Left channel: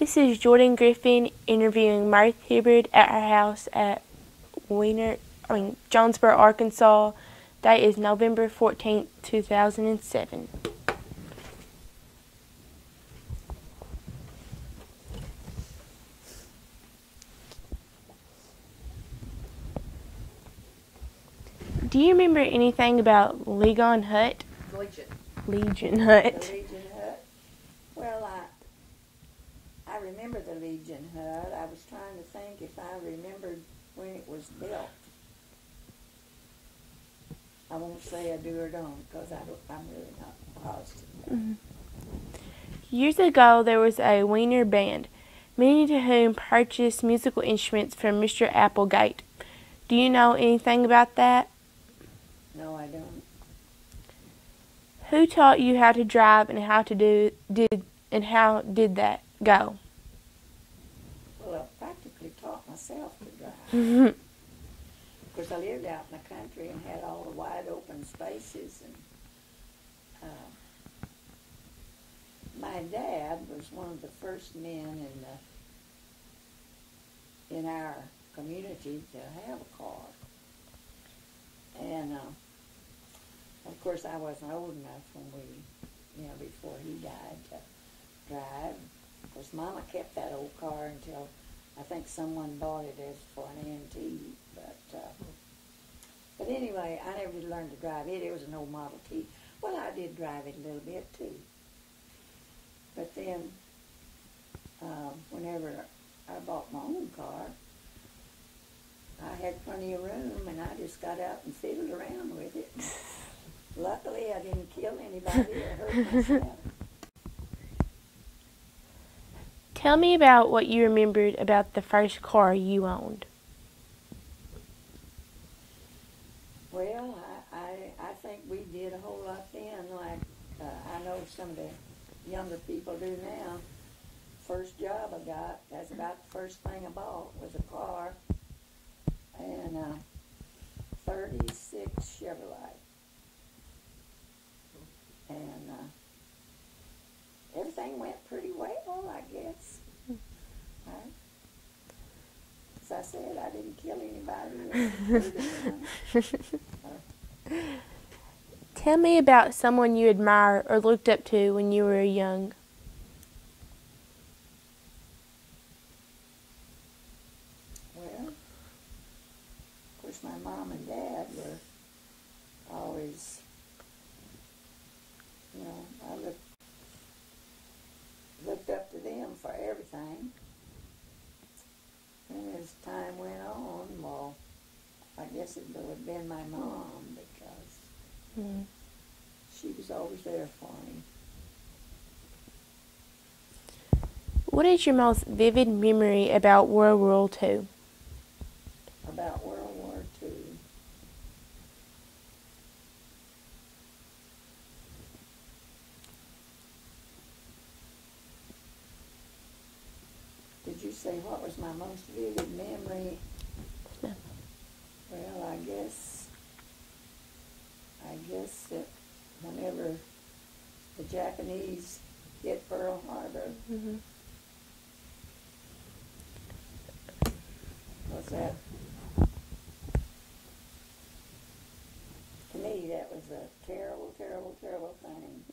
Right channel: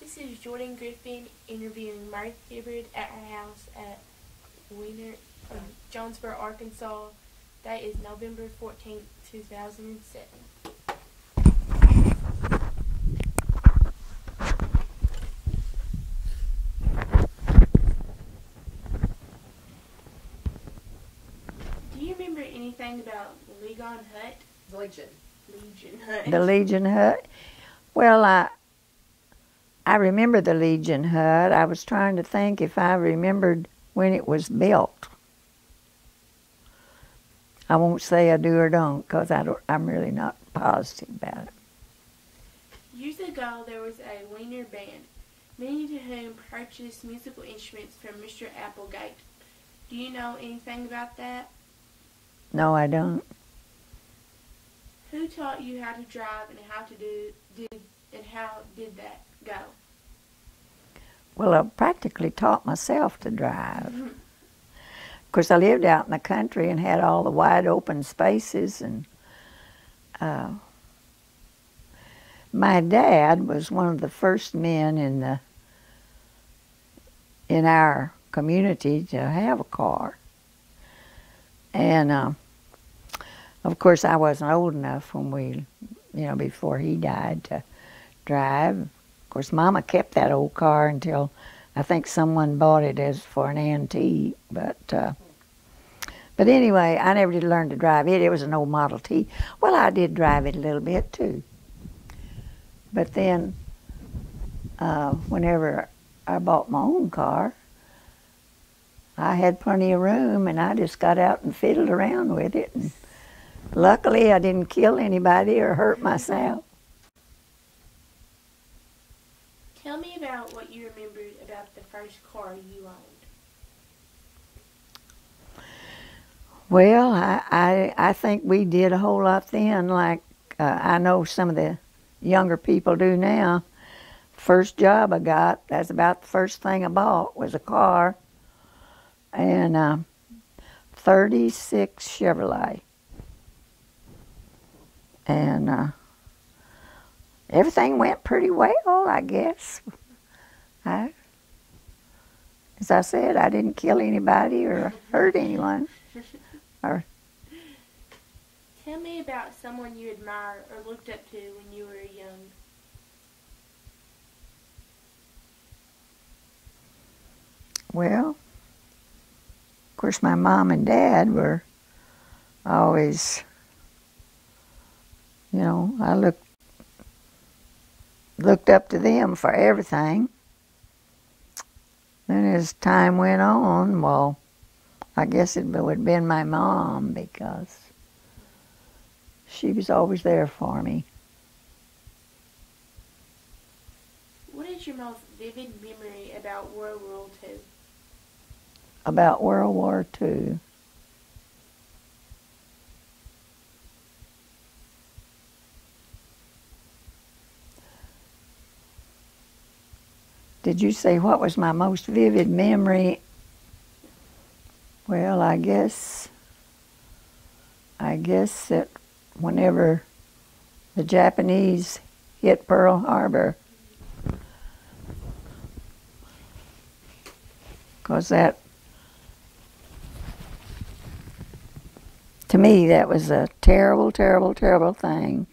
This is Jordan Griffin interviewing Myrth Hibbard at her house at Jonesboro, Arkansas. Date is November 14th, 2007. Do you remember anything about Legon Hut? Legion Hut. The Legion Hut? Well, I remember the Legion Hut. I was trying to think if I remembered when it was built. I won't say I do or don't, because I'm really not positive about it. Years ago, there was a Wiener band, many to whom purchased musical instruments from Mr. Applegate. Do you know anything about that? No, I don't. Who taught you how to drive and how did that go? Well, I practically taught myself to drive. Of course, I lived out in the country and had all the wide open spaces, and my dad was one of the first men in our community to have a car. And of course, I wasn't old enough when before he died to drive. Of course, Mama kept that old car until I think someone bought it as for an antique. But anyway, I never did learn to drive it. It was an old Model T. Well, I did drive it a little bit too. But then, whenever I bought my own car, I had plenty of room, and I just got out and fiddled around with it. And luckily, I didn't kill anybody or hurt myself. Tell me about what you remembered about the first car you owned. Well, I think we did a whole lot then, like I know some of the younger people do now. First job I got, that's about the first thing I bought, was a car, and 36 Chevrolet. And everything went pretty well, I guess. As I said, I didn't kill anybody or hurt anyone. Tell me about someone you admire or looked up to when you were young. Well, of course, my mom and dad were always, I looked up to them for everything. Then as time went on, well, I guess it would have been my mom, because she was always there for me. What is your most vivid memory about World War II? About World War II? Did you say what was my most vivid memory? No. Well, I guess that whenever the Japanese hit Pearl Harbor, because that, to me, that was a terrible, terrible, terrible thing.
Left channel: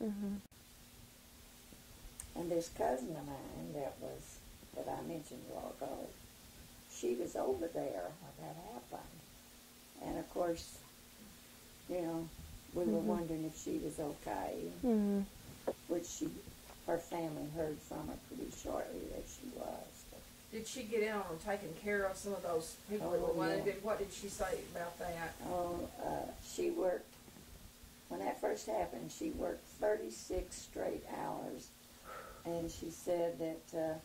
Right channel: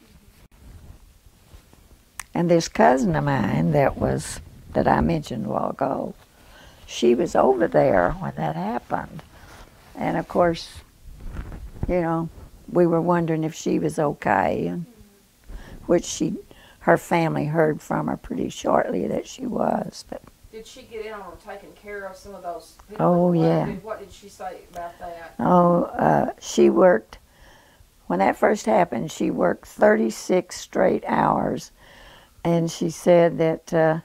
And this cousin of mine that I mentioned a while ago, she was over there when that happened. And of course, we were wondering if she was okay, and which her family heard from her pretty shortly that she was. But did she get in on taking care of some of those? Oh, yeah. What did she say about that? Oh, she worked, when that first happened, she worked 36 straight hours. And she said that,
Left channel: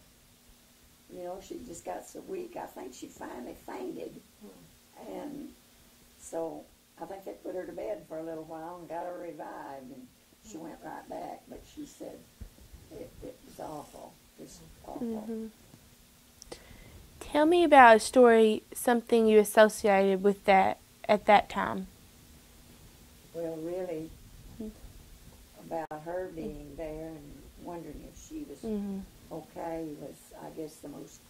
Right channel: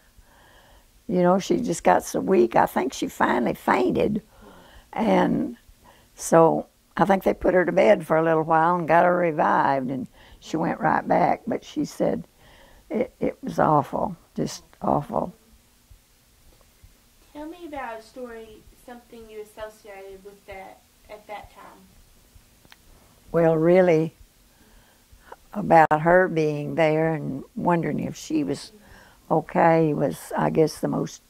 she just got so weak. I think she finally fainted. And so I think they put her to bed for a little while and got her revived, and she went right back. But she said it was awful, just awful. Tell me about a story, something you associated with that at that time. Well, really, about her being there and wondering if she was okay was, I guess, the most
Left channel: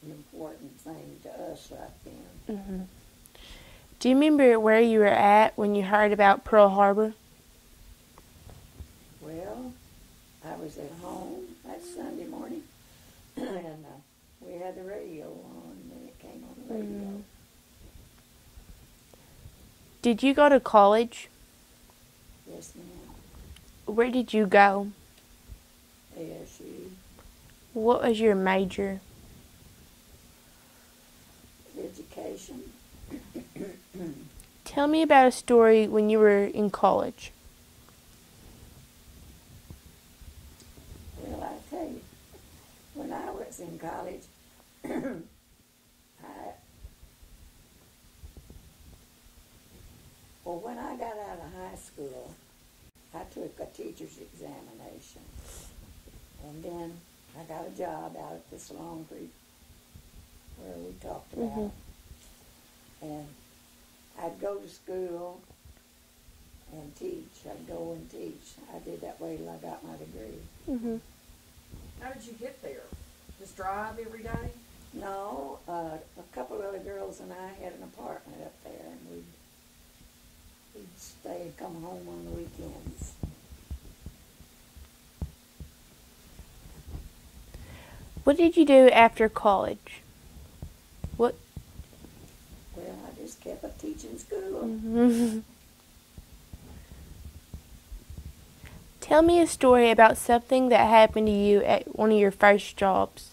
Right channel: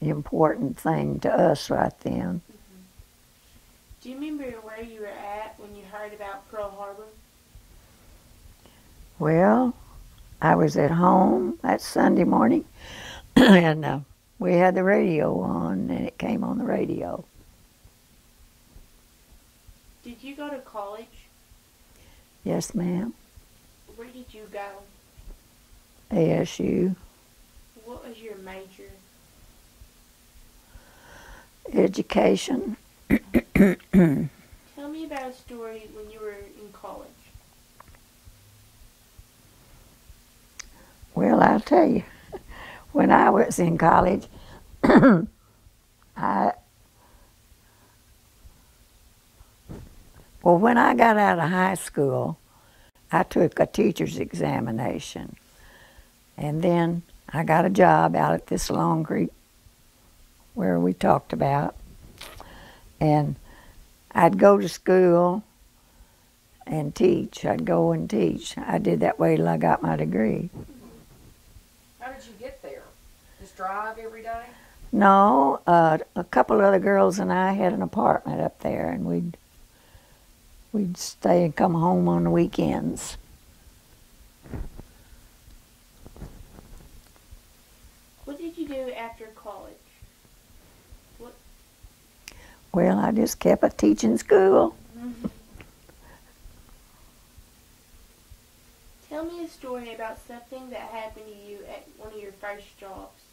important thing to us right then. Mm-hmm. Do you remember where you were at when you heard about Pearl Harbor? Well, I was at home that Sunday morning, and we had the radio on, and it came on the radio. Did you go to college? Yes, ma'am. Where did you go? ASU. What was your major? Education. Tell me about a story when you were in college. Well, I'll tell you. When I was in college, when I got out of high school, I took a teacher's examination. And then I got a job out at this Long Creek where we talked about. And I'd go to school and teach. I'd go and teach. I did that way till I got my degree. Mm-hmm. How did you get there? Just drive every day? No, a couple other girls and I had an apartment up there, and we'd stay and come home on the weekends. What did you do after college? What? Well, I just kept a teaching school. Tell me a story about something that happened to you at one of your first jobs.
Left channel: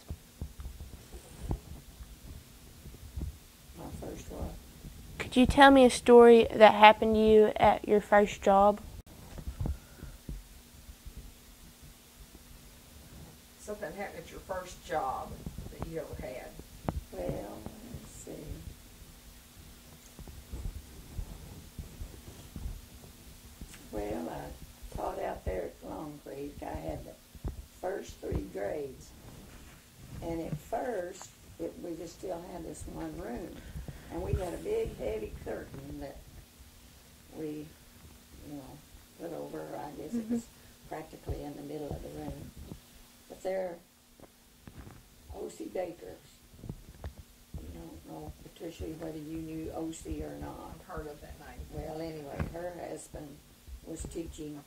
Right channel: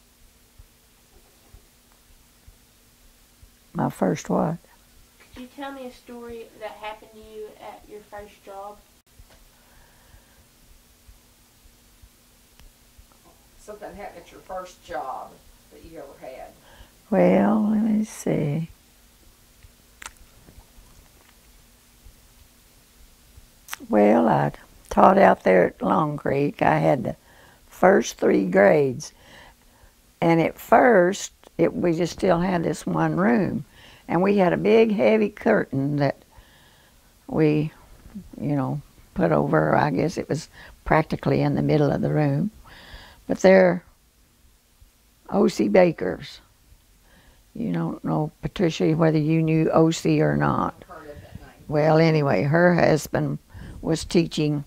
My first what? Could you tell me a story that happened to you at your first job? Something happened at your first job that you ever had. Well, let me see. Well, I taught out there at Long Creek. I had the first 3 grades. And at first, we just still had this one room. And we had a big, heavy curtain that we, put over. I guess it was practically in the middle of the room. But they're O.C. Bakers. You don't know, Patricia, whether you knew O.C. or not. Heard of that name. Well, anyway, her husband was teaching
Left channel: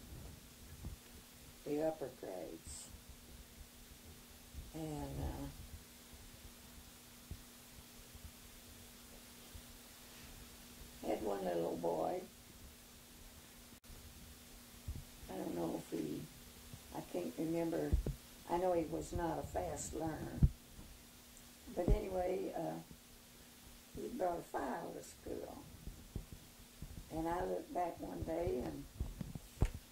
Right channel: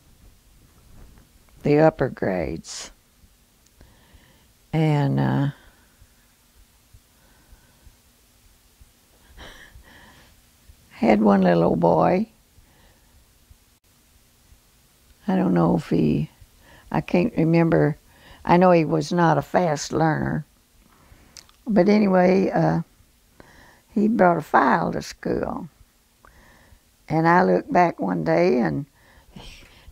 the upper grades. And had one little old boy. I don't know if I can't remember. I know he was not a fast learner. But anyway, he brought a file to school. And I looked back one day and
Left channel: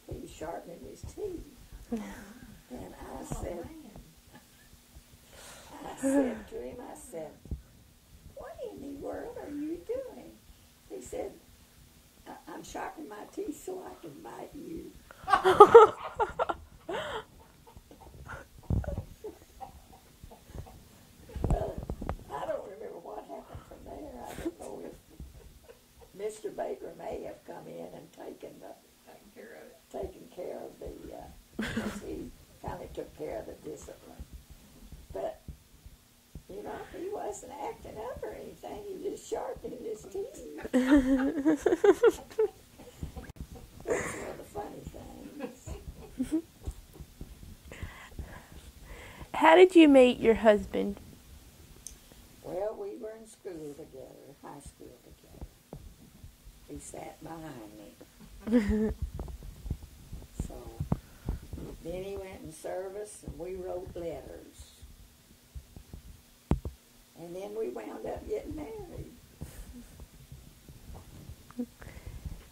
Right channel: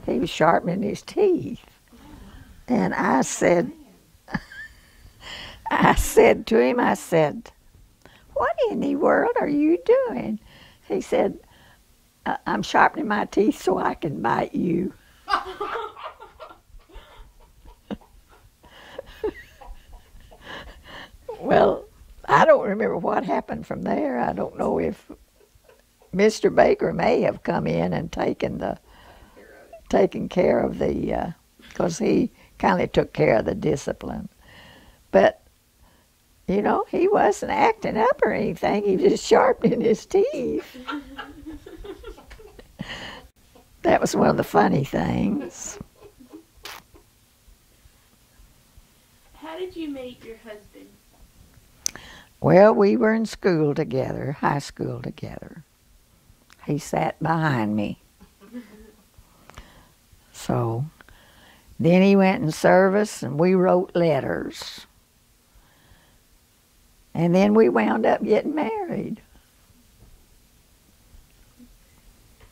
he was sharpening his teeth. And I said to him, "What in the world are you doing?" He said, "I'm sharpening my teeth so I can bite you." Well, I don't remember what happened from there. I don't know if Mr. Baker may have come in and taken care of the, because he kind of took care of the discipline. But, he wasn't acting up or anything. He was just sharpening his teeth. That was one of the funny things. How did you meet your husband? Well, we were in school together, high school together. He sat behind me. So then he went in service and we wrote letters. And then we wound up getting married.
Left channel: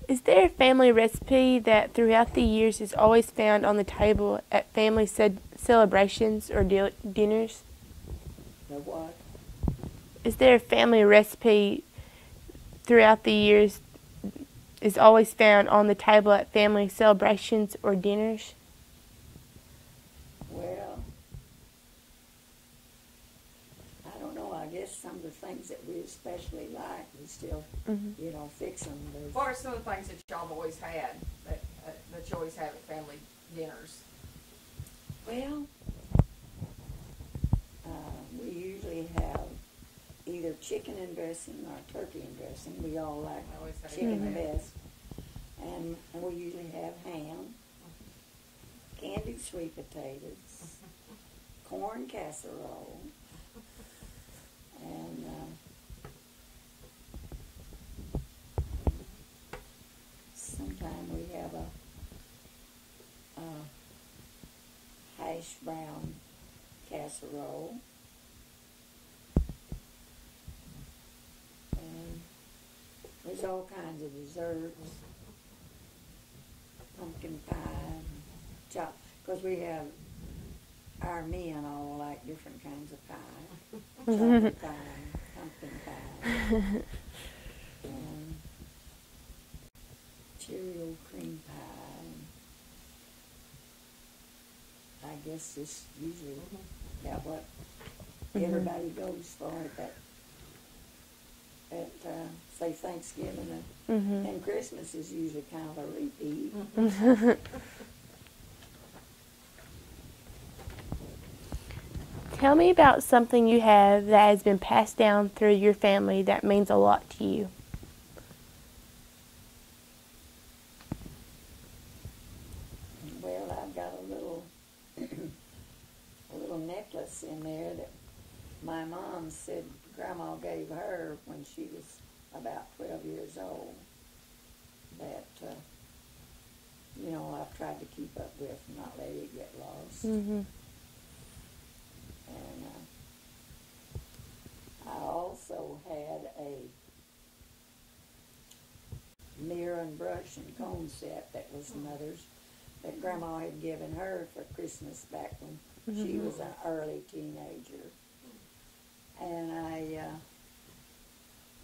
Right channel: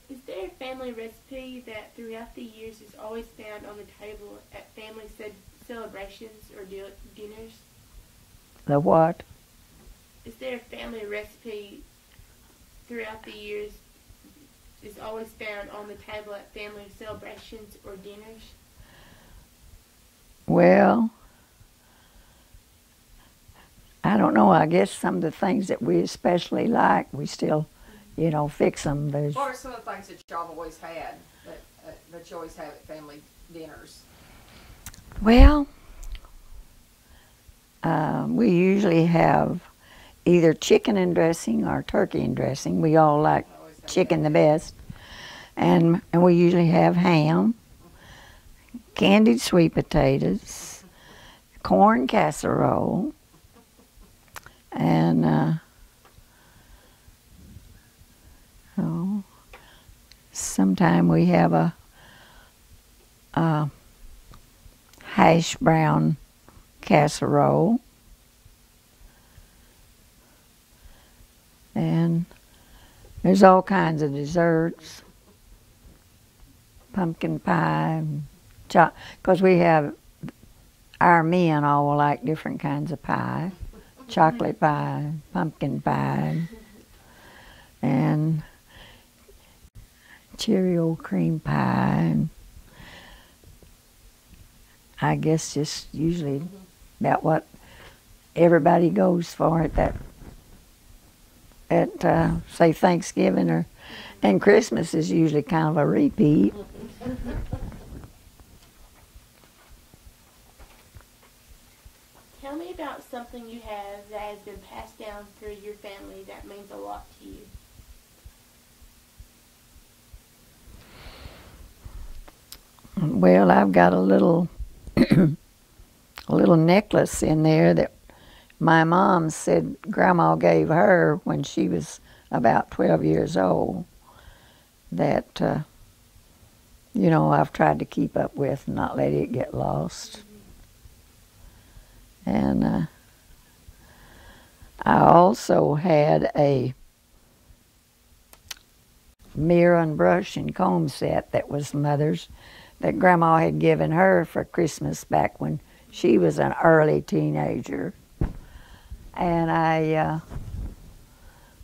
Is there a family recipe that throughout the years is always found on the table at family celebrations or dinners? The what? Is there a family recipe throughout the years is always found on the table at family celebrations or dinners? Well, I don't know. I guess some of the things that we especially like, we still, fix them. What are some of the things that y'all have always had, that you always have at family dinners? Well, usually have either chicken and dressing or turkey and dressing. We all like chicken the best. And we usually have ham, candied sweet potatoes, corn casserole, and sometime we have a hash brown casserole. And there's all kinds of desserts, pumpkin pie, because we have, our men all like different kinds of pie, chocolate pie, pumpkin pie, and Cheerio cream pie, and I guess just usually about what everybody goes for at say Thanksgiving or and Christmas is usually kind of a repeat. Tell me about something you have that has been passed down through your family that means a lot to you. Well, I've got a little a little necklace in there that my mom said Grandma gave her when she was about 12 years old, that, you know, I've tried to keep up with and not let it get lost. And I also had a mirror and brush and comb set that was Mother's, that Grandma had given her for Christmas back when she was an early teenager. And of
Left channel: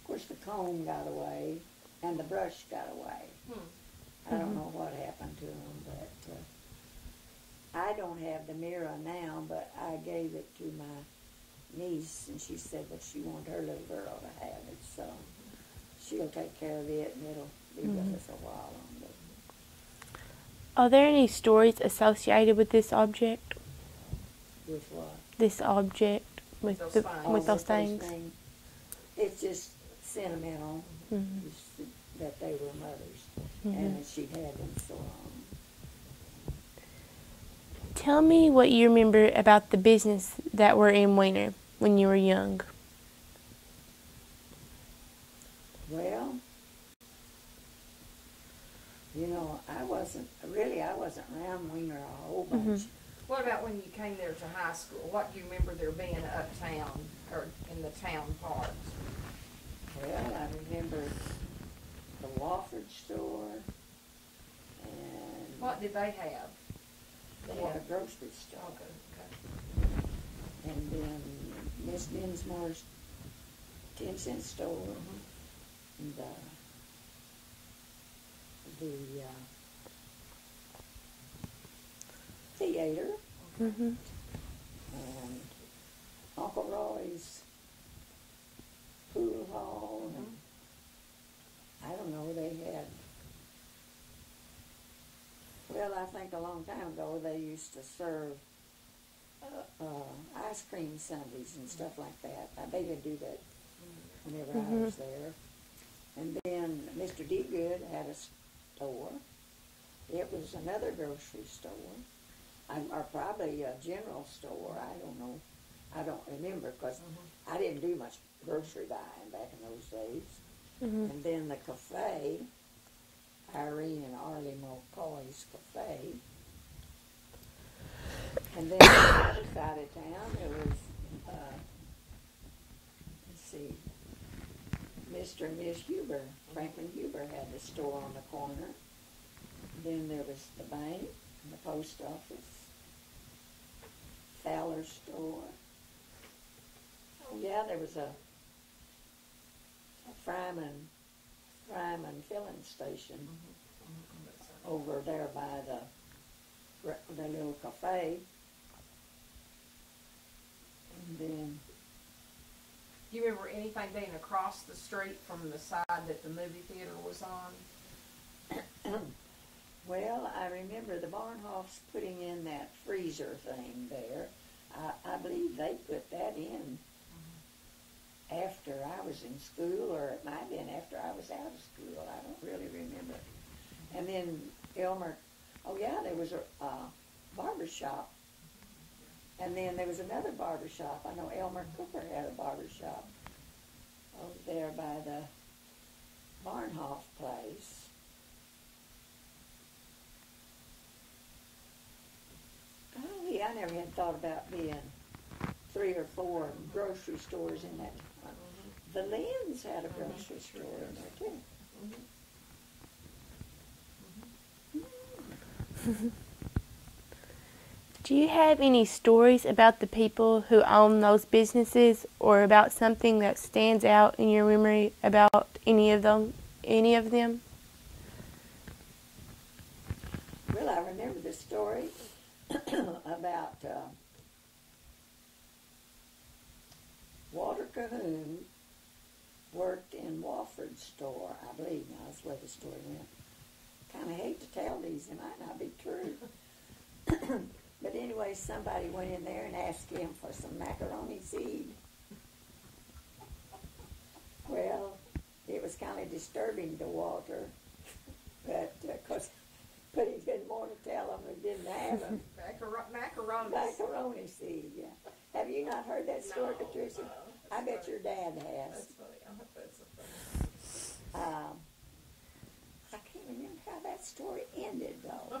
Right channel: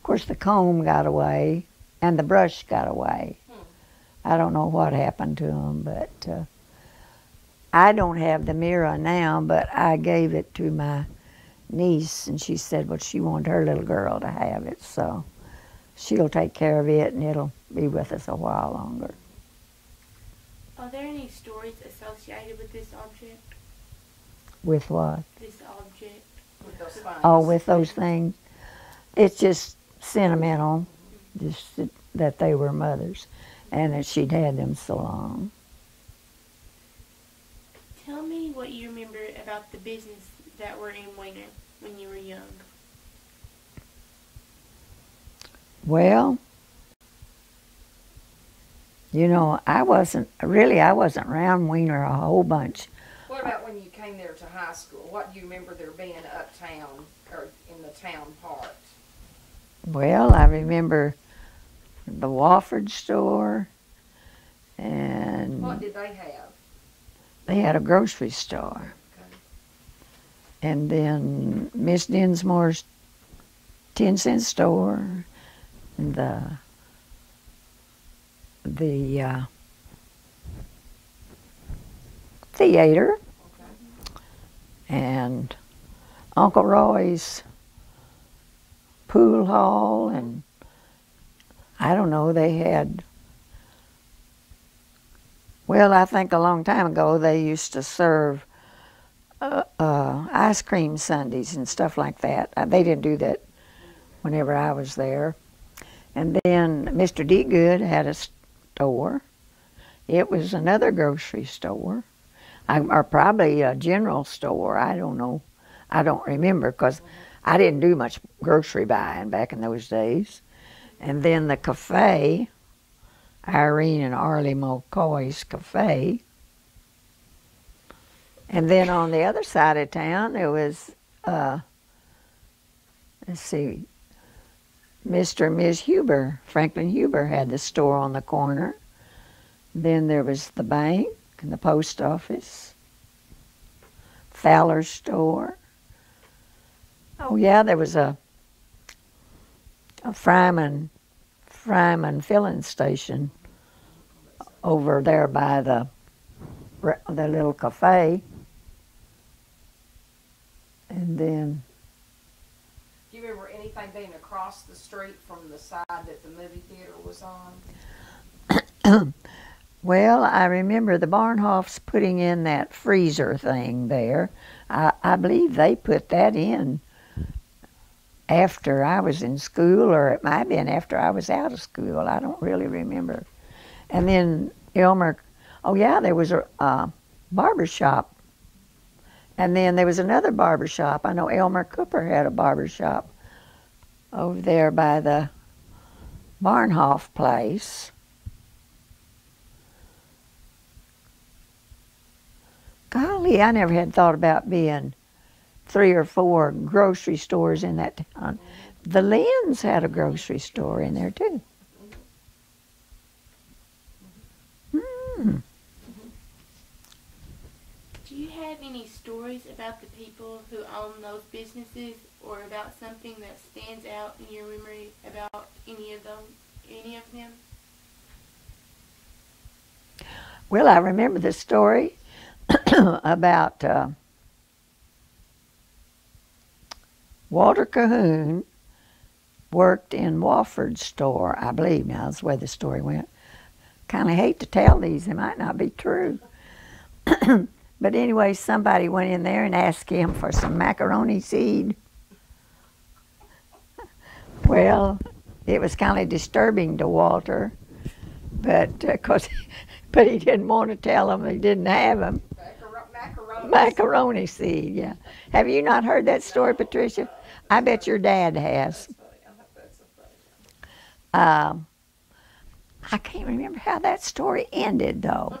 course, the comb got away and the brush got away. I don't know what happened to them, but I don't have the mirror now, but I gave it to my niece, and she said, well, she wanted her little girl to have it, so she'll take care of it, and it'll be with us a while longer. Are there any stories associated with this object? With what? This object. With those things. It's just sentimental, just that they were Mother's, and that she'd had them so long. Tell me what you remember about the business that were in Weiner when you were young. Well, you know, I wasn't around Weiner a whole bunch. What about when you came there to high school? What do you remember there being uptown or in the town part? Well, I remember the Wofford store, and what did they have? They had a grocery store. Okay. And then Miss Dinsmore's 10-cent store, and the theater, and Uncle Roy's pool hall, and I don't know, they had, well, I think a long time ago they used to serve ice cream sundaes and stuff like that. They didn't do that whenever I was there. And then Mr. Degood had a store. It was another grocery store, or probably a general store. I don't know. I don't remember, because I didn't do much grocery buying back in those days. And then the cafe, Irene and Arlie McCoy's cafe. And then on the other side of town, there was, let's see, Mr. and Ms. Huber. Franklin Huber had the store on the corner. Then there was the bank and the post office, Fowler's store. Oh yeah, there was a Fryman filling station over there by the little cafe. And then, do you remember anything being across the street from the side that the movie theater was on? Well, I remember the Barnhoffs putting in that freezer thing there. I believe they put that in after I was in school, or it might have been after I was out of school. I don't really remember. And then Elmer, oh yeah, there was a barber shop. And then there was another barber shop. I know Elmer Cooper had a barber shop over there by the Barnhoff place. Golly, I never had thought about being 3 or 4 grocery stores in that town. The Lynn's had a grocery store in there too. Do you have any stories about the people who own those businesses, or about something that stands out in your memory about any of them? Well, I remember the story about Walter Cahoon worked in Wofford's store, I believe. Now, that's the way the story went. Kind of hate to tell these. They might not be true. But anyway, somebody went in there and asked him for some macaroni seed. Well, it was kind of disturbing to Walter, but but he didn't want to tell them he didn't have them. Macaroni seed, yeah. Have you not heard that story, Patricia? I bet your dad has. I can't remember how that story ended, though.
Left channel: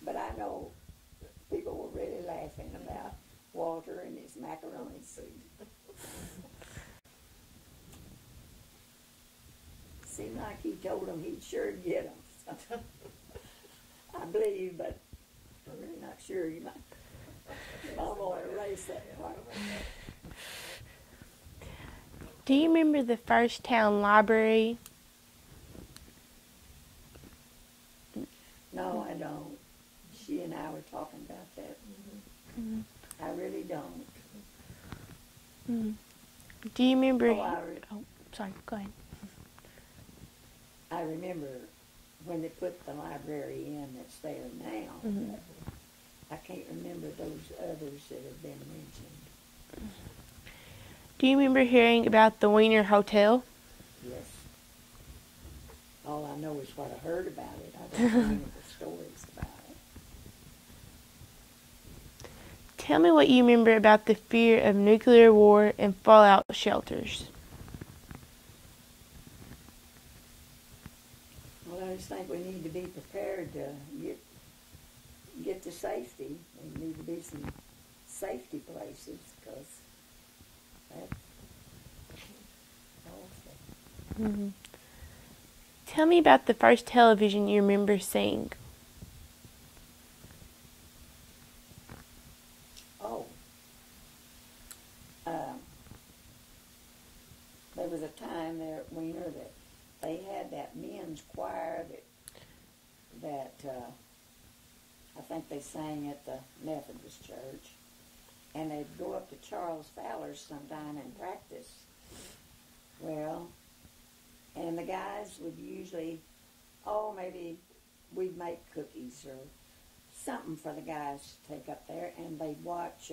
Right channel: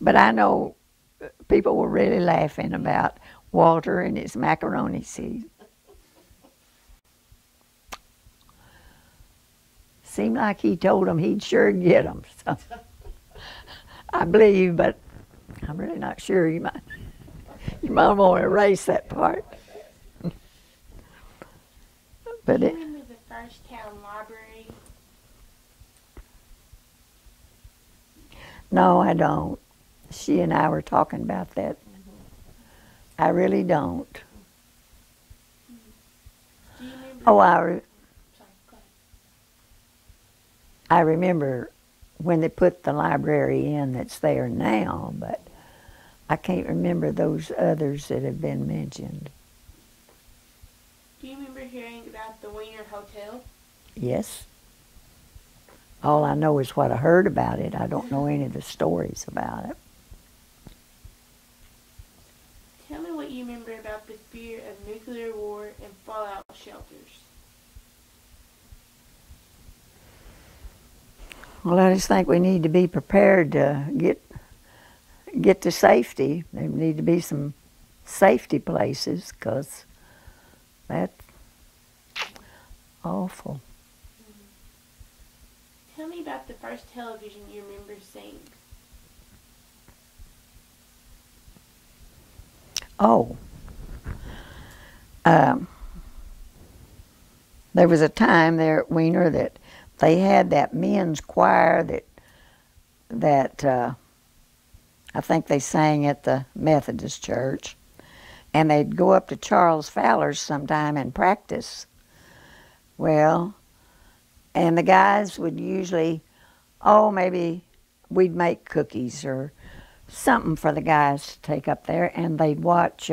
But I know people were really laughing about Walter and his macaroni seed. Seemed like he told them he'd sure get them. So I believe, but I'm really not sure. You might want to erase that part. Do you remember the first town library? No, I don't. She and I were talking about that. I really don't. Do you remember? Sorry, go ahead. I remember when they put the library in that's there now, but I can't remember those others that have been mentioned. Do you remember hearing about the Wiener Hotel? Yes. All I know is what I heard about it. I don't know any of the stories about it. Tell me what you remember about the fear of nuclear war and fallout shelters. Well, I just think we need to be prepared to get to safety. There need to be some safety places, because that's awful. Mm-hmm. Tell me about the first television you remember seeing. Oh. There was a time there at Wiener that they had that men's choir that I think they sang at the Methodist church, and they'd go up to Charles Fowler's sometime and practice. Well, and the guys would usually, maybe we'd make cookies or something for the guys to take up there, and they'd watch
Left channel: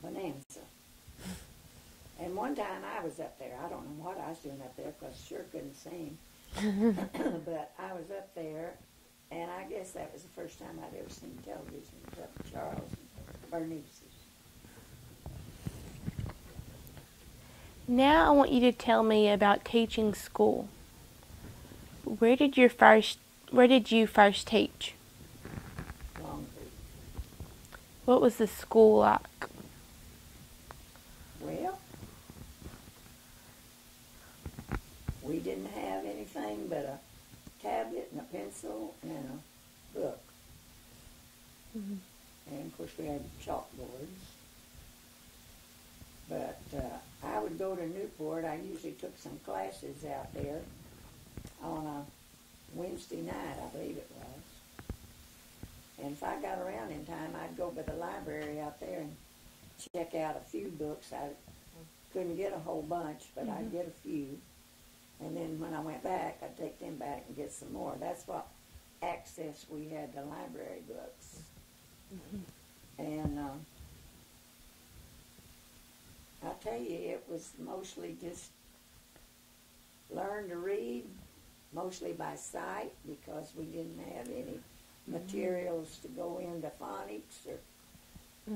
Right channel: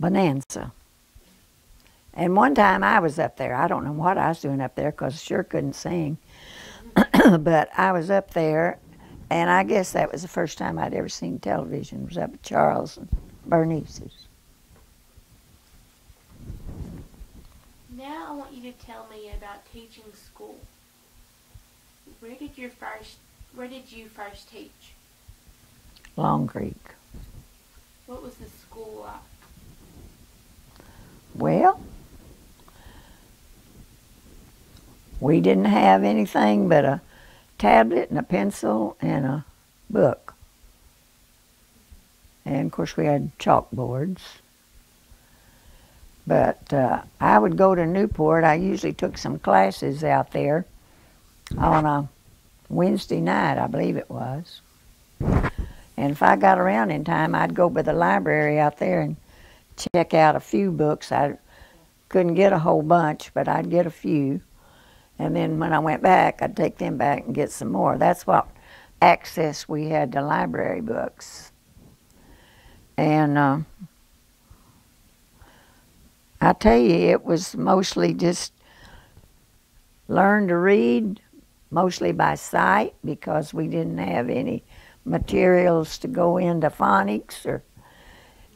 Bonanza. And one time I was up there. I don't know what I was doing up there, because I sure couldn't sing. But I was up there, and I guess that was the first time I'd ever seen television. It was up at Charles and Bernice's. Now I want you to tell me about teaching school. Where did you first teach? Long Creek. What was the school like? Well, we didn't have anything but a tablet and a pencil and a book. Mm-hmm. And of course we had chalkboards. But I would go to Newport. I usually took some classes out there on a Wednesday night, I believe it was. And if I got around in time, I'd go by the library out there and check out a few books. I couldn't get a whole bunch, but I'd get a few. And then when I went back, I'd take them back and get some more. That's what access we had to library books. And I tell you, it was mostly just learn to read, mostly by sight, because we didn't have any materials to go into phonics or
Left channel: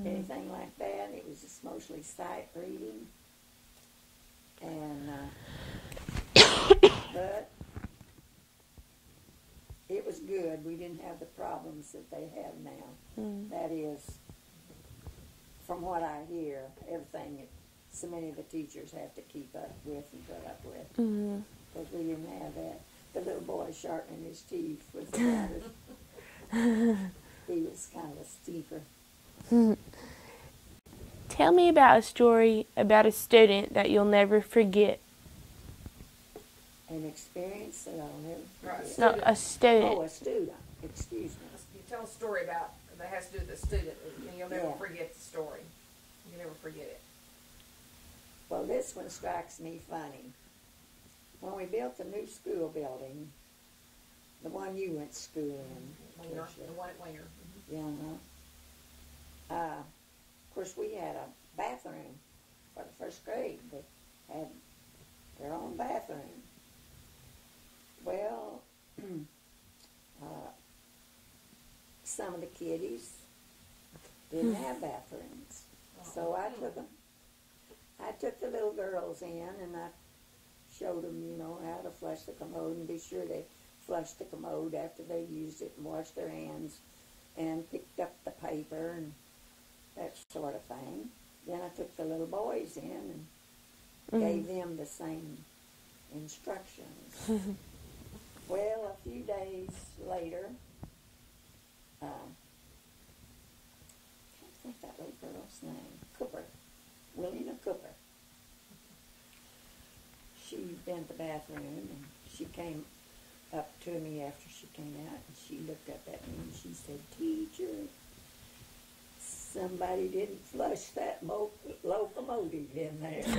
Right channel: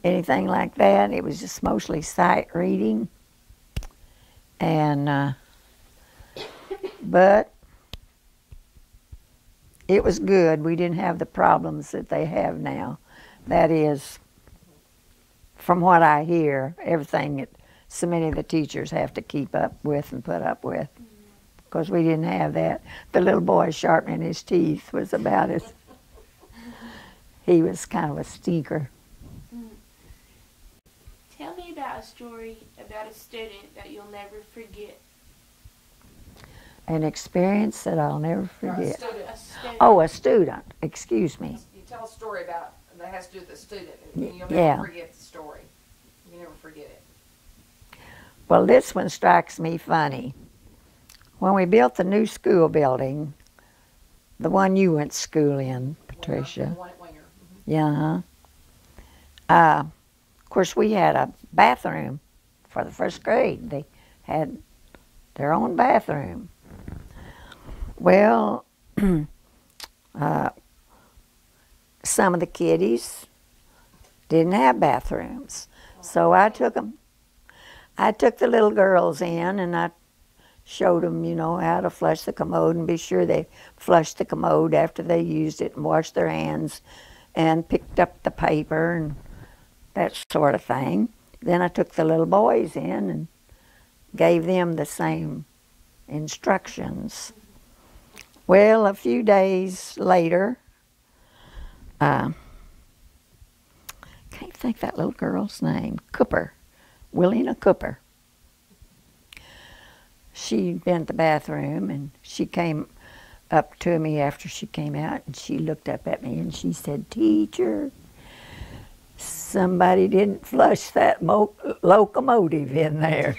anything like that. It was just mostly sight reading. And but it was good. We didn't have the problems that they have now. That is, from what I hear, everything that so many of the teachers have to keep up with and put up with. Because we didn't have that. The little boy sharpening his teeth was about it. He was kind of a stinker. Tell me about a story about a student that you'll never forget. An experience that I'll never forget. No, a student. Oh, a student. Excuse me. You tell a story about that has to do with the student, and you'll never Yeah. forget the story. You never forget it. Well, this one strikes me funny. When we built the new school building, the one you went to school in, Patricia. The one at Winger. Yeah. Of course, we had a bathroom for the first grade. They had their own bathroom. Well, some of the kiddies didn't have bathrooms, so I took the little girls in and I showed them, you know, how to flush the commode and be sure they flushed the commode after they used it and washed their hands and picked up the paper and that sort of thing. Then I took the little boys in and gave them the same instructions. Well, a few days later, can't think that little girl's name, Cooper, Willina Cooper. She'd been at the bathroom and she came up to me after she came out and she looked up at me and she said, "Teacher, somebody didn't flush that locomotive in there."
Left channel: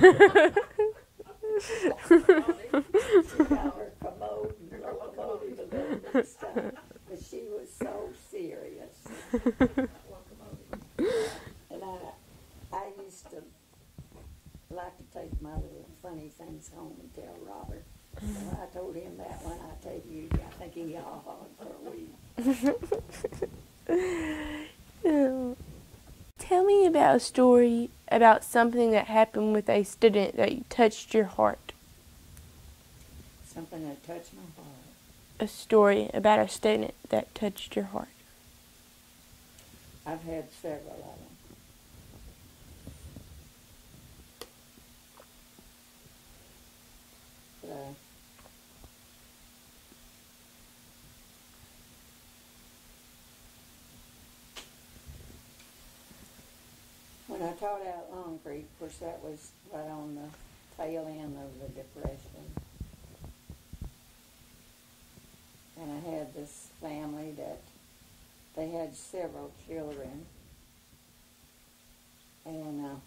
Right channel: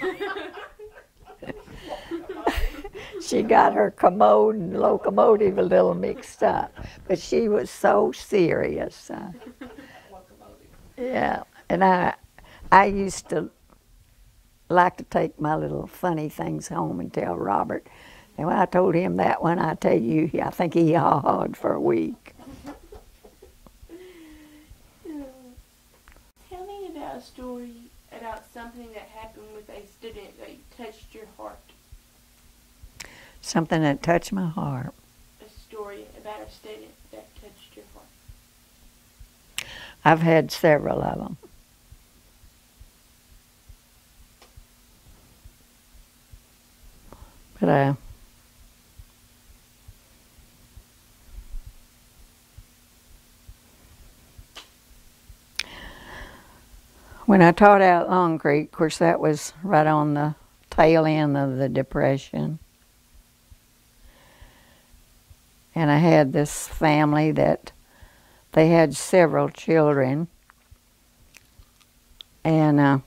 She got her commode and locomotive a little mixed up, but she was so serious. Yeah, and I used to like to take my little funny things home and tell Robert. And when I told him that one, I tell you, I think he haw-hawed for a week. Tell me about a story about something that happened with a student that touched your heart. Something that touched my heart. A story about a student that touched your heart. I've had several of them. But when I taught out Long Creek, of course that was right on the tail end of the Depression. And I had this family that they had several children. And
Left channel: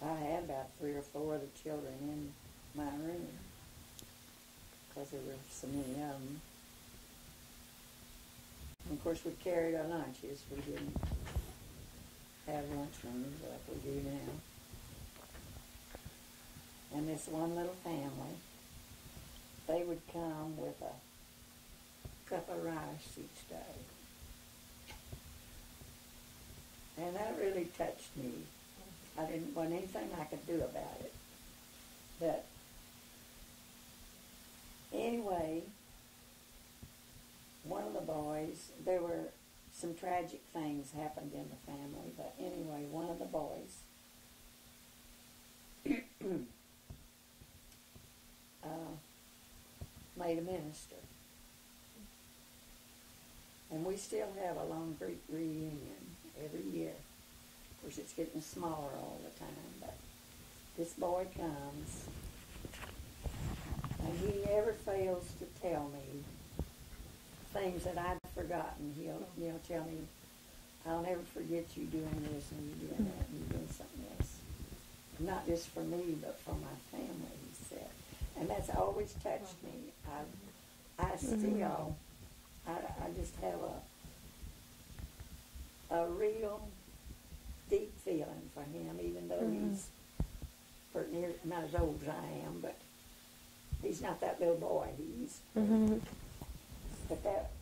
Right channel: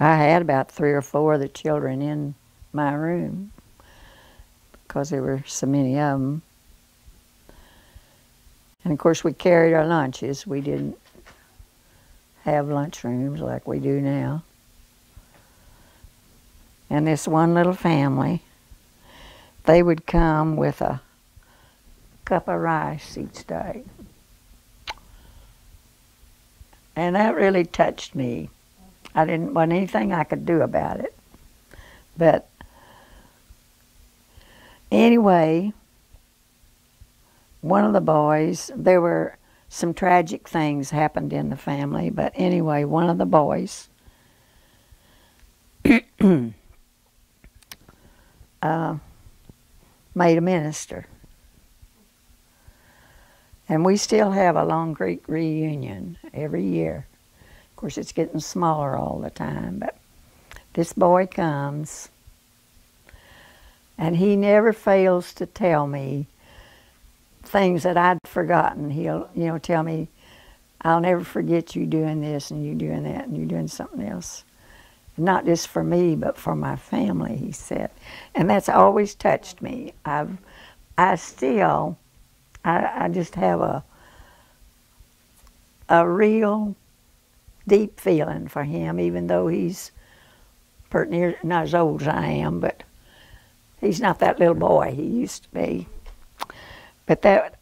I had about 3 or 4 of the children in my room because there were so many of them. And of course we carried our lunches. We didn't have lunchrooms like we do now. And this one little family, they would come with a cup of rice each day. And that really touched me. I didn't want anything I could do about it. But anyway, one of the boys, there were some tragic things happened in the family, but anyway, one of the boys made a minister. And we still have a Long Creek reunion every year. Of course, it's getting smaller all the time, but this boy comes, and he never fails to tell me things that I'd forgotten. He'll, tell me, "I'll never forget you doing this and you doing that and you doing something else." Not just for me, but for my family, he said. And that's always touched me. I just have a real deep feeling for him, even though he's pretty near, not as old as I am, but he's not that little boy he used to be. But that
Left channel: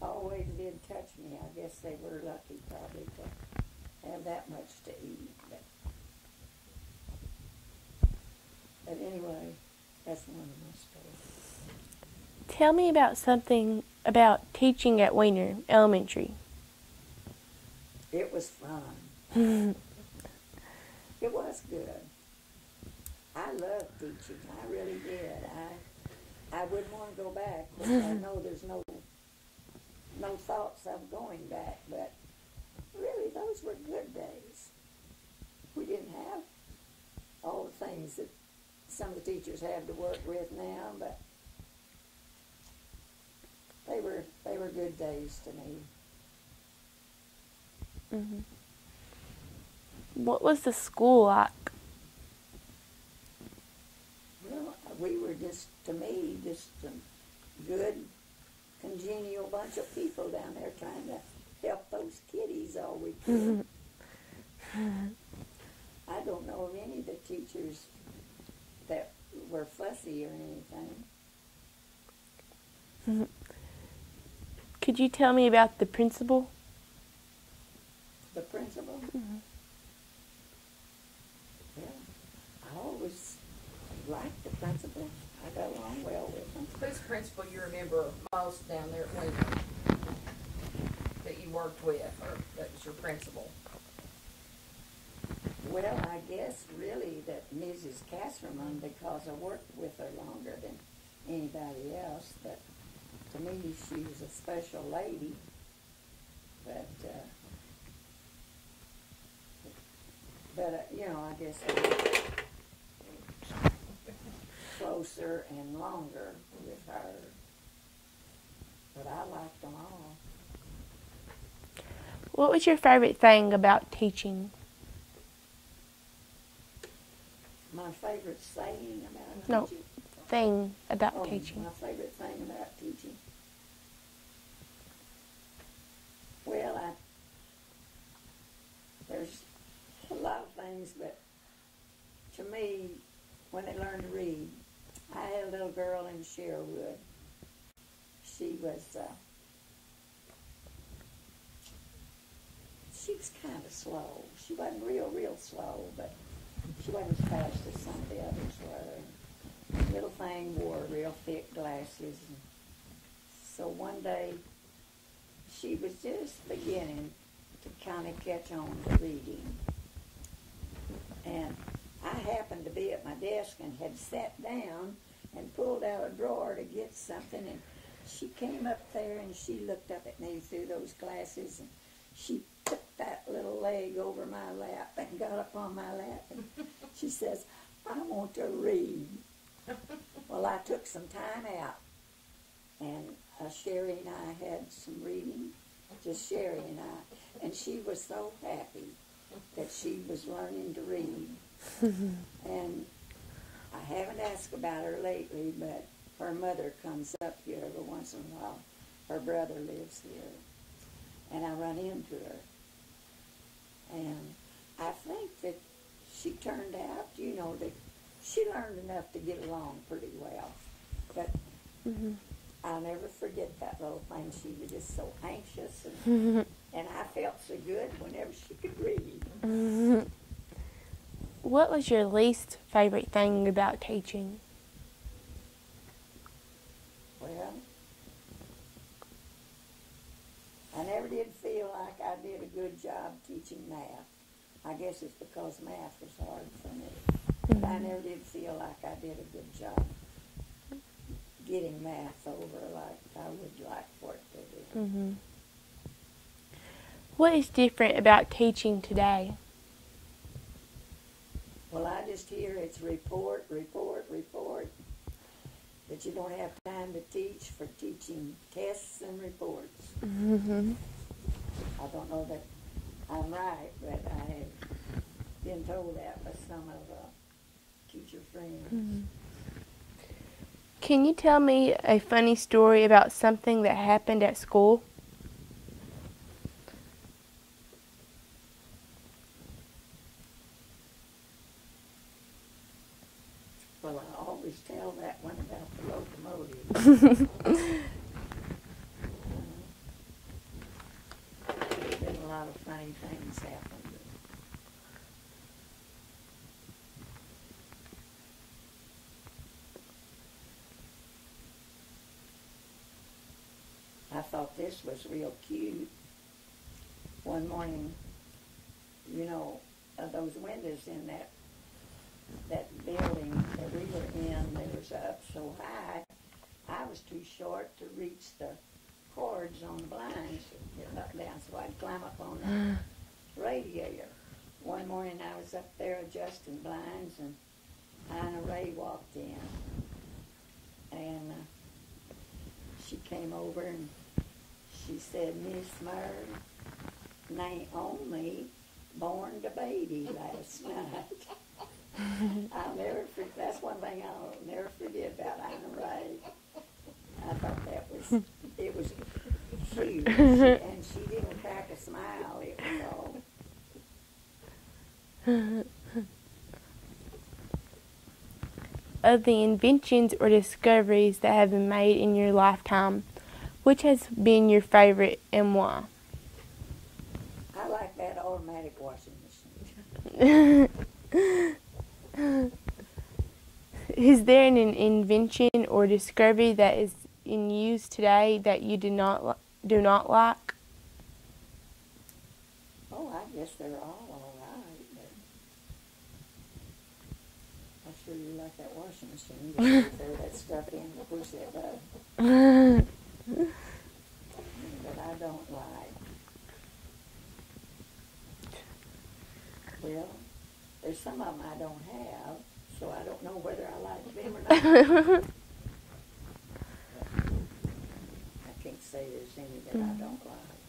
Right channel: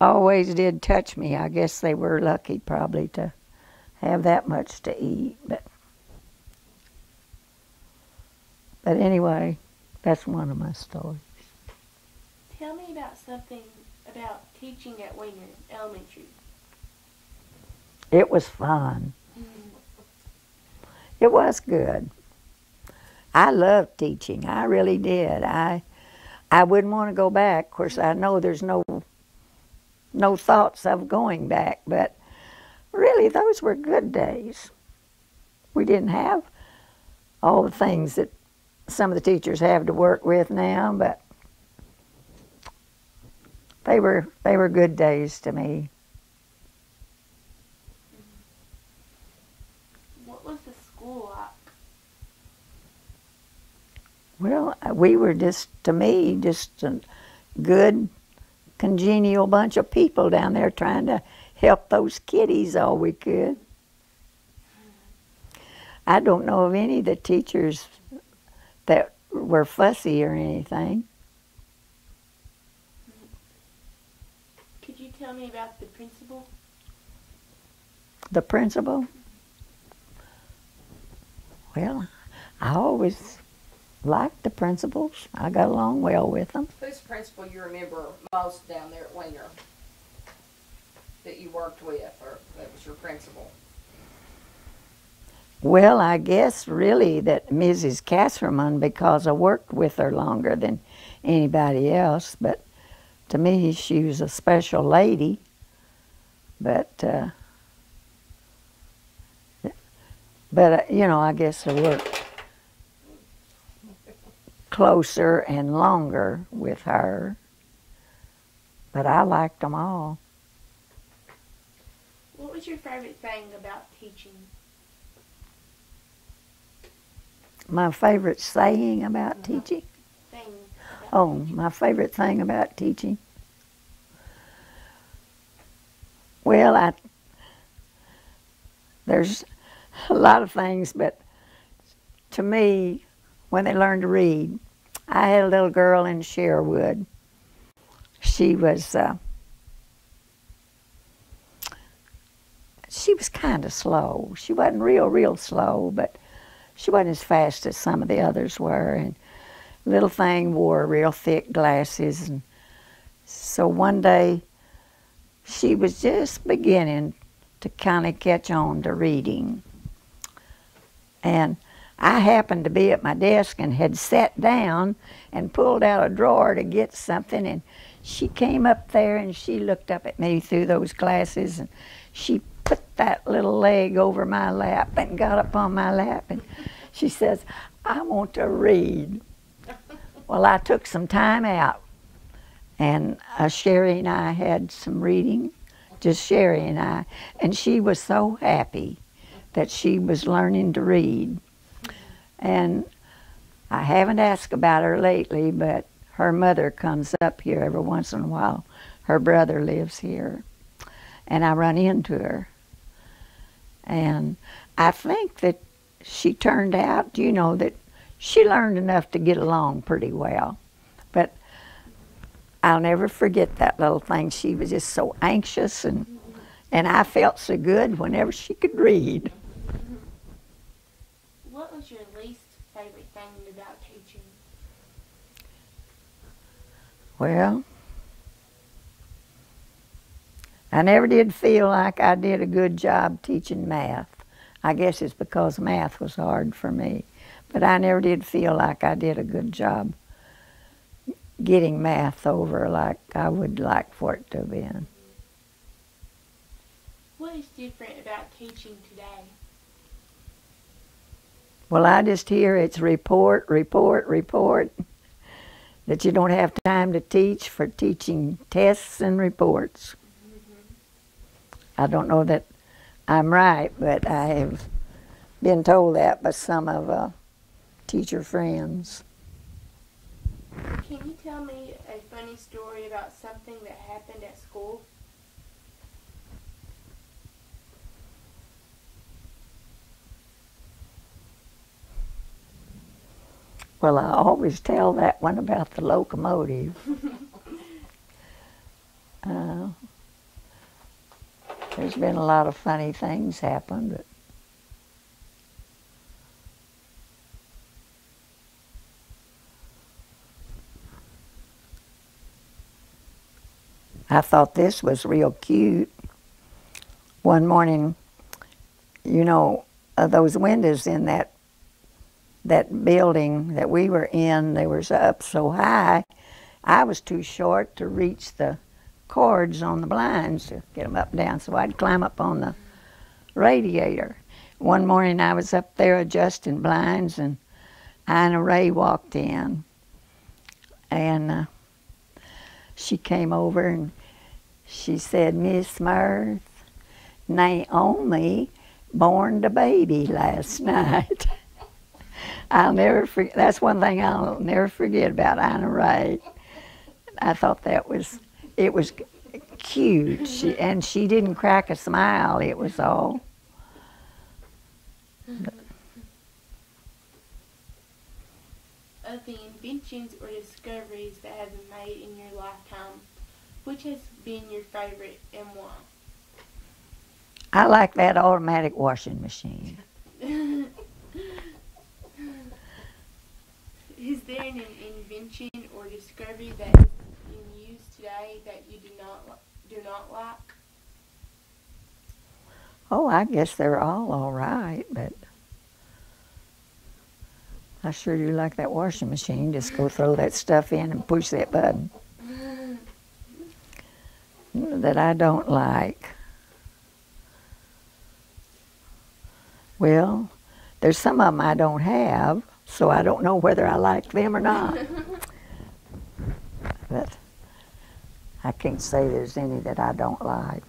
always did touch me. I guess they were lucky probably to have that much to eat. But anyway, that's one of my stories. Tell me about something about teaching at Weiner Elementary. It was fun. It was good. I loved teaching. I really did. I wouldn't want to go back. Of course, I know there's no thoughts of going back, but really, those were good days. We didn't have all the things that some of the teachers have to work with now, but they were good days to me. What was the school like? Well, we were just a good, congenial bunch of people down there trying to help those kiddies all we could. I don't know of any of the teachers that were fussy or anything. Could you tell me about the principal? The principal? Well, I always liked the principals. I got along well with them. Who's the principal you remember most down there at Weiner that you worked with, or that was your principal? Well, I guess really that Mrs. Casserman, because I worked with her longer than anybody else, but to me she was a special lady. But you know, I guess I worked closer and longer with her. But I liked them all. What was your favorite thing about teaching? My favorite saying about teaching? Thing about teaching. My favorite thing about teaching? Well, there's a lot of things, but to me, when they learn to read, I had a little girl in Sherwood. She was kind of slow. She wasn't real slow, but she wasn't as fast as some of the others were. And the little thing wore real thick glasses. And so one day, she was just beginning to kind of catch on to reading. And I happened to be at my desk and had sat down and pulled out a drawer to get something, and she came up there and she looked up at me through those glasses, and she put that little leg over my lap and got up on my lap, and she says, "I want to read." Well, I took some time out, and Sherry and I had some reading, just Sherry and I, and she was so happy that she was learning to read. And I haven't asked about her lately, but her mother comes up here every once in a while. Her brother lives here, and I run into her. And I think that she turned out, you know, that she learned enough to get along pretty well. But I'll never forget that little thing. She was just so anxious, and I felt so good whenever she could read. What was your least favorite thing about teaching? Well, I never did feel like I did a good job teaching math. I guess it's because math was hard for me. But I never did feel like I did a good job getting math over like I would like for it to have been. What is different about teaching today? Well, I just hear it's report, that you don't have time to teach for teaching tests and reports. I don't know that I'm right, but I have been told that by some of teacher friends. Can you tell me a funny story about something that happened at school? Well, I always tell that one about the locomotive. uh, there's been a lot of funny things happen, but I thought this was real cute. One morning, you know, those windows in that building that we were in, they was up so high, I was too short to reach the cords on the blinds to get them up and down, so I'd climb up on the radiator. One morning I was up there adjusting blinds, and Ina Ray walked in, and she came over and she said, "Miss Myrth, Naomi born the baby last night." I'll never forget. That's one thing I'll never forget about Ina Ray. I thought it was cute, and she didn't crack a smile. It was all. Of the inventions or discoveries that have been made in your lifetime, which has been your favorite and why? I like that automatic washing machine. Is there an invention or discovery that is in use today that you do not like? Oh, I guess they're all right, but I sure do like that washing machine. Just go throw that stuff in and push that button. That I don't like. Well, there's some of them I don't have, so I don't know whether I like them or not. But I can't say there's any that I don't like.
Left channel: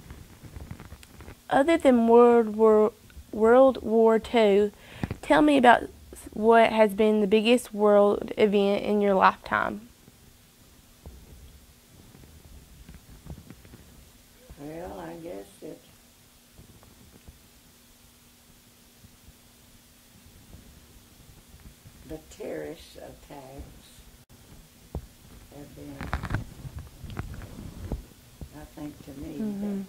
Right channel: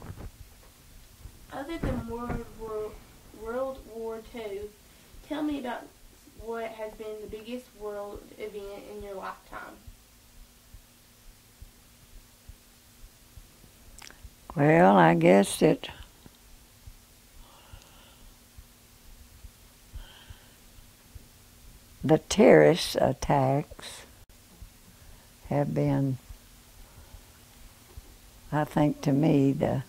Other than World War II, tell me about what has been the biggest world event in your lifetime. Well, I guess that the terrorist attacks have been, I think, to me, the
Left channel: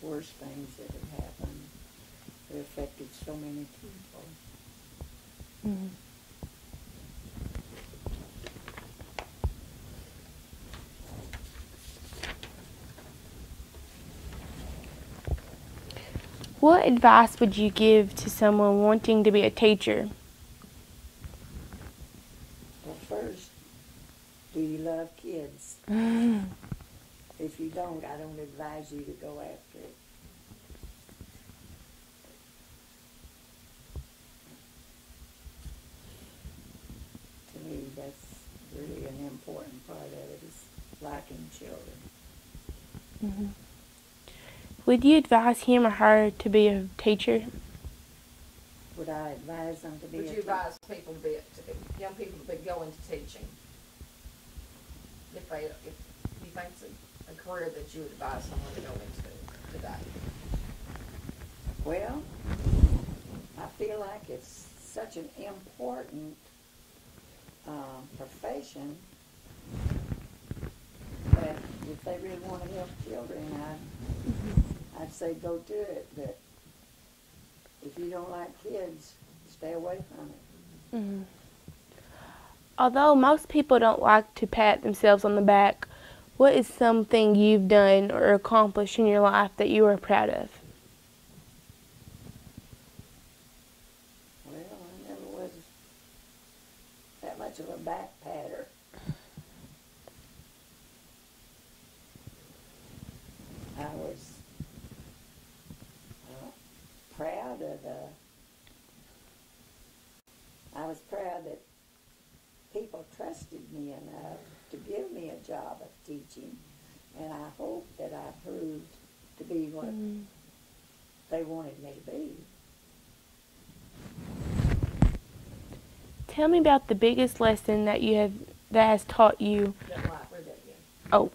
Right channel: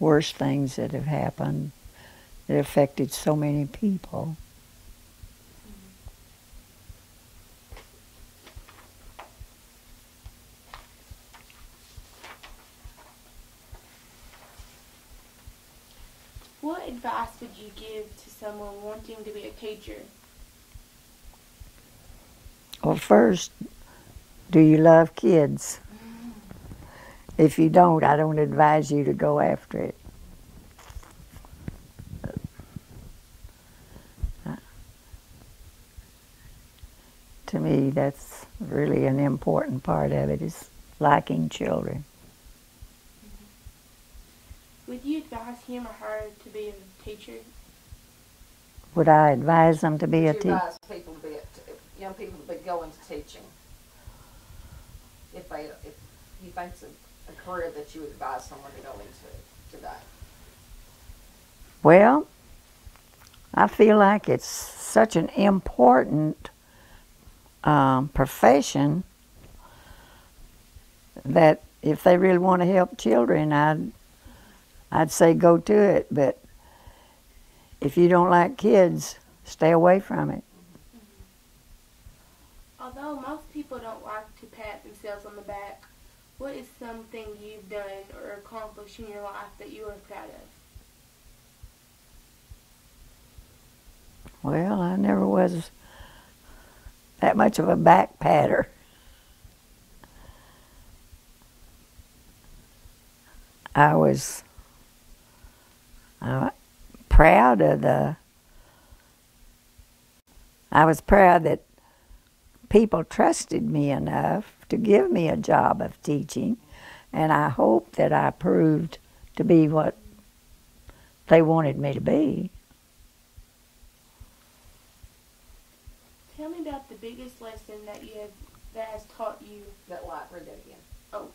worst things that have happened. It affected so many people. Mm-hmm. What advice would you give to someone wanting to be a teacher? Well, first, do you love kids? If you don't, I don't advise you to go after it. To me, that's really an important part of it, is liking children. Mm-hmm. Would you advise him or her to be a teacher? Would I advise them to be a teacher? Would you advise people to be young people to go into teaching? If you think it's a career that you would advise someone to go into today? Well, I feel like it's such an important profession that if they really want to help children, I'd say go to it. But if you don't like kids, stay away from it. Mm-hmm. Although most people don't like to pat themselves on the back, what is something you've done or accomplished in your life that you are proud of? Well, I never was that much of a back patter. I was proud that people trusted me enough to give me a job of teaching, and I hope that I proved to be what they wanted me to be. Tell me about the biggest lesson that has taught you. Read that again. Oh.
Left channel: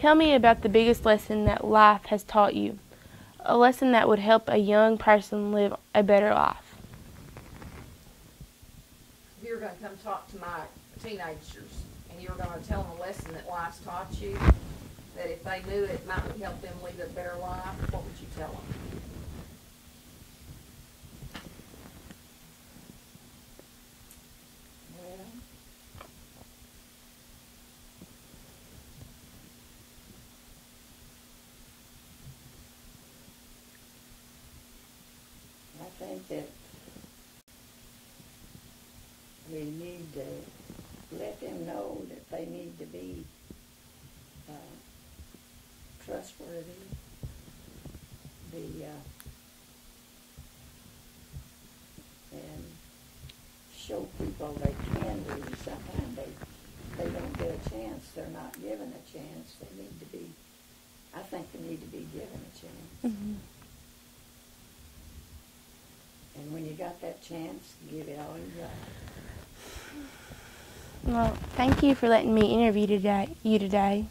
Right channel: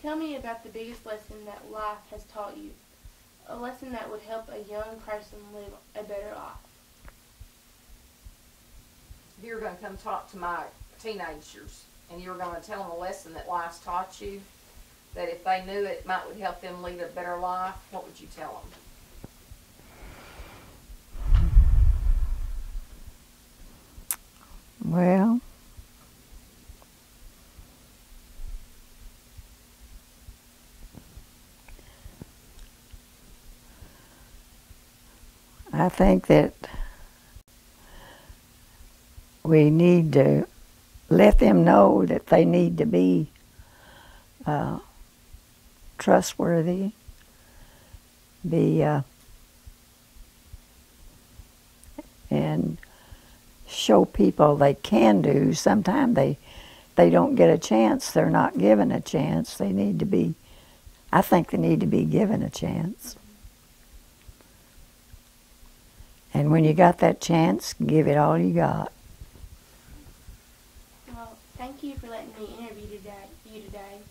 Tell me about the biggest lesson that life has taught you. A lesson that would help a young person live a better life. going to come talk to my teenagers, and you were going to tell them a lesson that life's taught you, that if they knew it might would help them lead a better life, what would you tell them? Well, I think that we need to let them know that they need to be trustworthy, and show people they can do. Sometimes they don't get a chance. They're not given a chance. They need to be, I think they need to be given a chance. Mm-hmm. And when you got that chance, give it all you got. Well, thank you for letting me interview you today.